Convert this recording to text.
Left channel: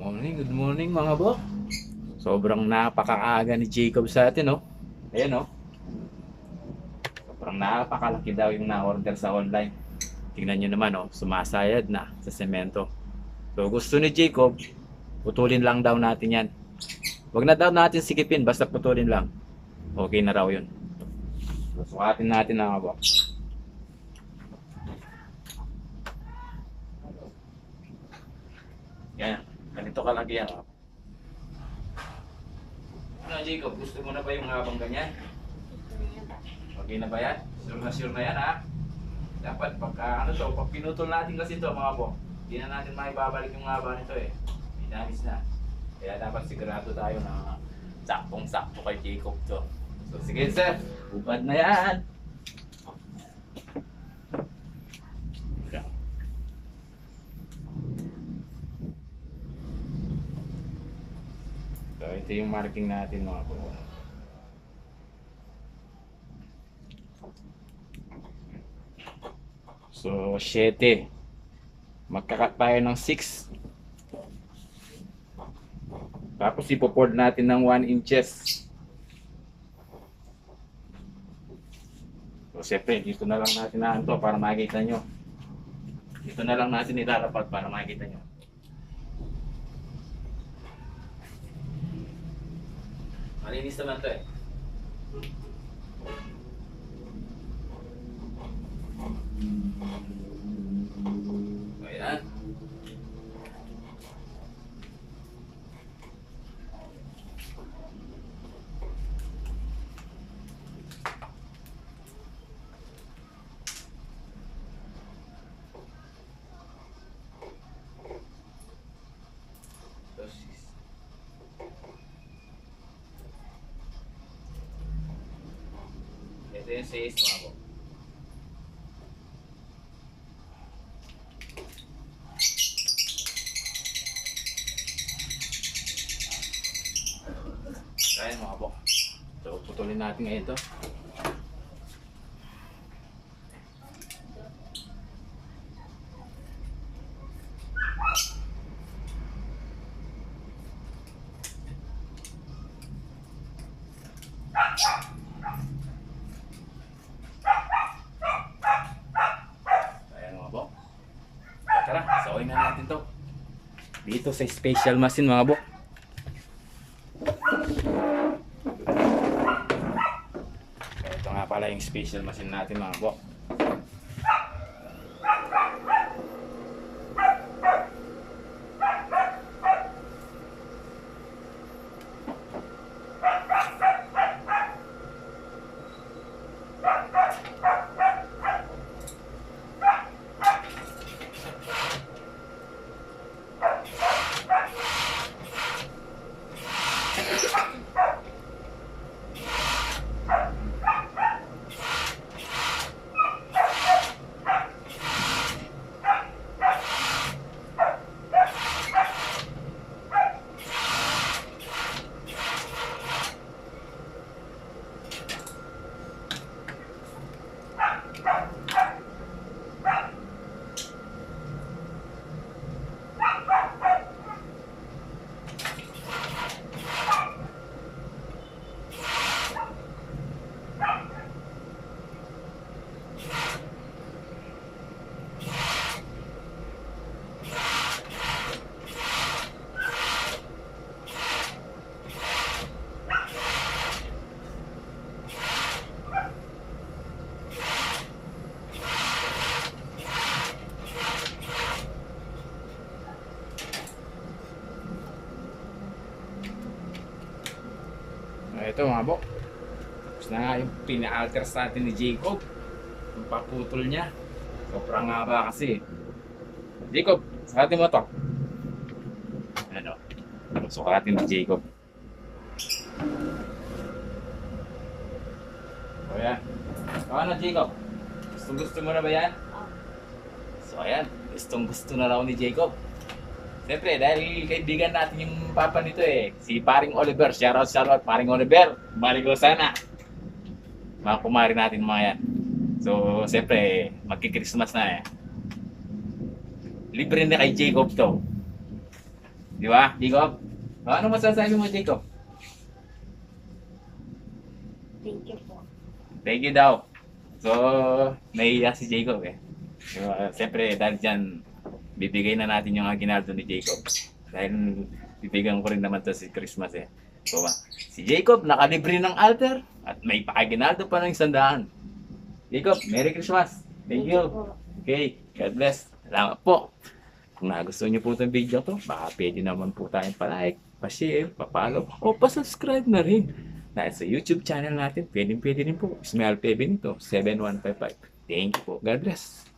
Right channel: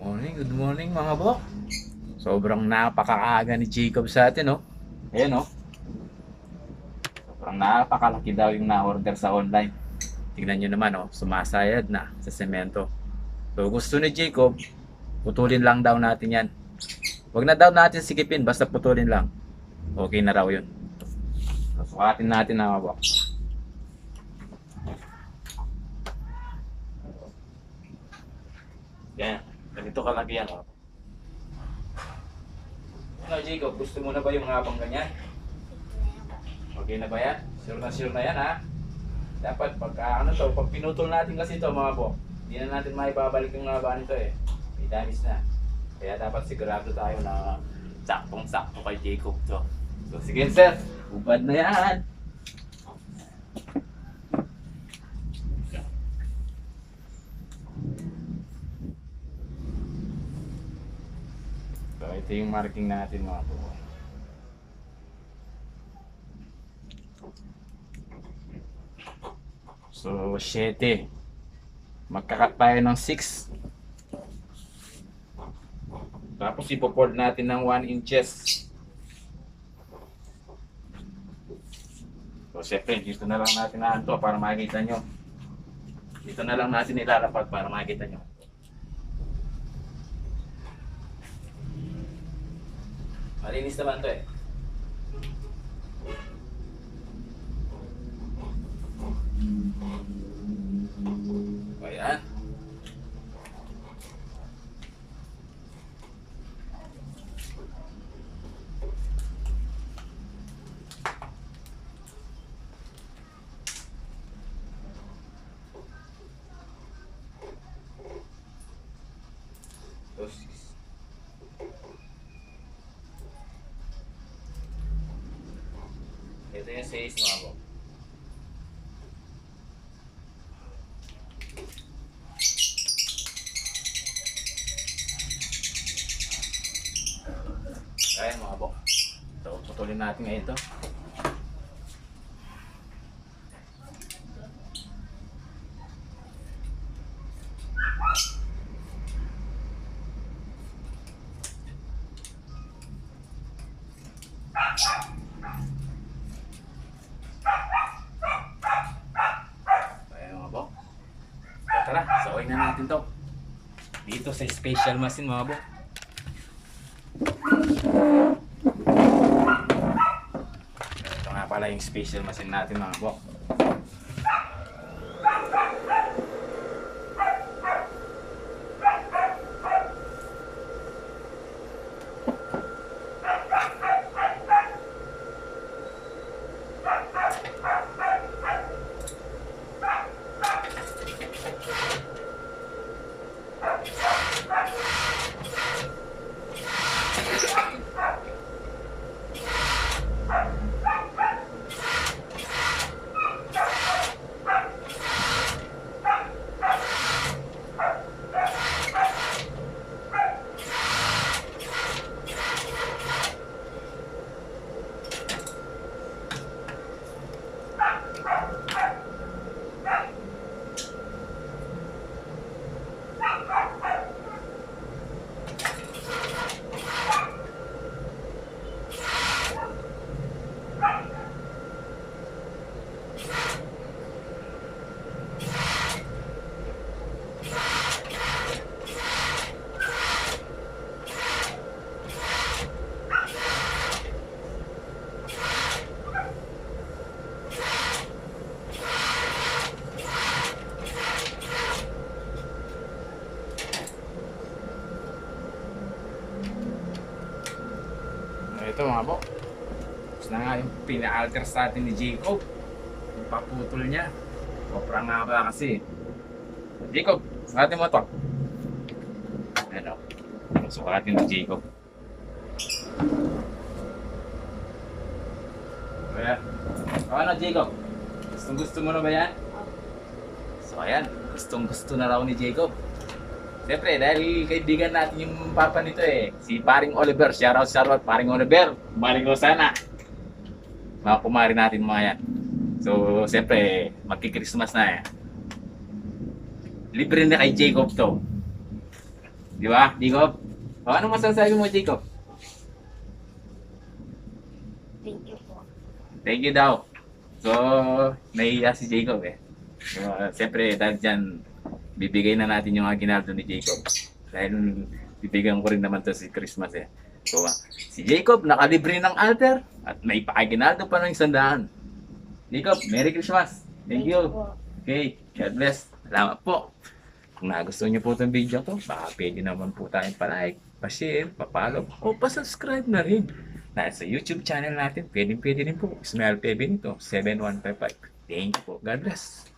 Good morning mga bro. Sobrang napakaaga ni Jacob sa atin, no? Ayan, no? Sobrang napakalaki daw yung na-order sa online. Tingnan nyo naman, no? Sumasayad na sa semento. So, gusto ni Jacob, putulin lang daw natin yan. Huwag na daw natin sikipin, basta putulin lang. Okay na raw yun. So, sukatin natin na mga bro. Yan. Ganito kalaki yan, oh. Ano, Jacob? Gusto mo na ba yung habang ganyan? Okay na ba yan? Sure na yan, ha? Dapat pagka ano to, pag pinutol natin kasi to mga po, hindi na natin maibabalik yung haba nito eh. May damis na. Kaya dapat sigurado tayo na saktong-sakto kay Jacob to. So sige sir, ubad na yan. So ito yung marking natin mga po. So 7. Magkakat tayo ng 6. Tapos ipo-fold natin ng 1 inches. So siyempre dito na lang natin to para makita nyo. Dito na lang natin ilalapag para makita nyo. Malinis naman to eh. Ayan. Ito yung 6 mga po. Ayan mga po. So putulin natin ngayon ito. Ayan mga po. Tara, sawin na natin to. Dito sa special machine mga po. Ito nga pala yung special machine natin mga po. Ito mga bo. Tapos na nga yung pina-alter sa atin ni Jacob. Yung paputol niya. Sobrang nga ba kasi. Jacob, sukatin mo to. Ano? Sukatin ni Jacob. So yan. So ano Jacob? Gustong gusto mo na ba yan? So ayan. Gustong gusto na raw ni Jacob. Siyempre, dahil kaibigan natin yung papa nito eh. Si Paring Oliver. Shoutout, Paring Oliver. Maring Rosana. Mga kumari natin mga yan. So, siyempre, magki-Christmas na eh. Libre na kay Jacob to. Di ba, Jacob? O, anong masasabi mo, Jacob? Thank you po. Thank you daw. So, nahiya si Jacob eh. Siyempre, dahil dyan, bibigay na natin yung aginaldo ni Jacob. Dahil bibigyan ko rin naman to si Christmas eh. So, si Jacob nakalibre ng altar at may pa-aginaldo pa ng 100. Jacob, Merry Christmas! Thank you! po. Okay, God bless. Salamat po. Kung nagustuhan niyo po itong video ko, baka pwede naman po tayong pa-like, pa-share, pa-follow, o pa-subscribe na rin. Dahil sa YouTube channel natin, pwede rin po. Smile Pebing to 7155. Thank you po. God bless.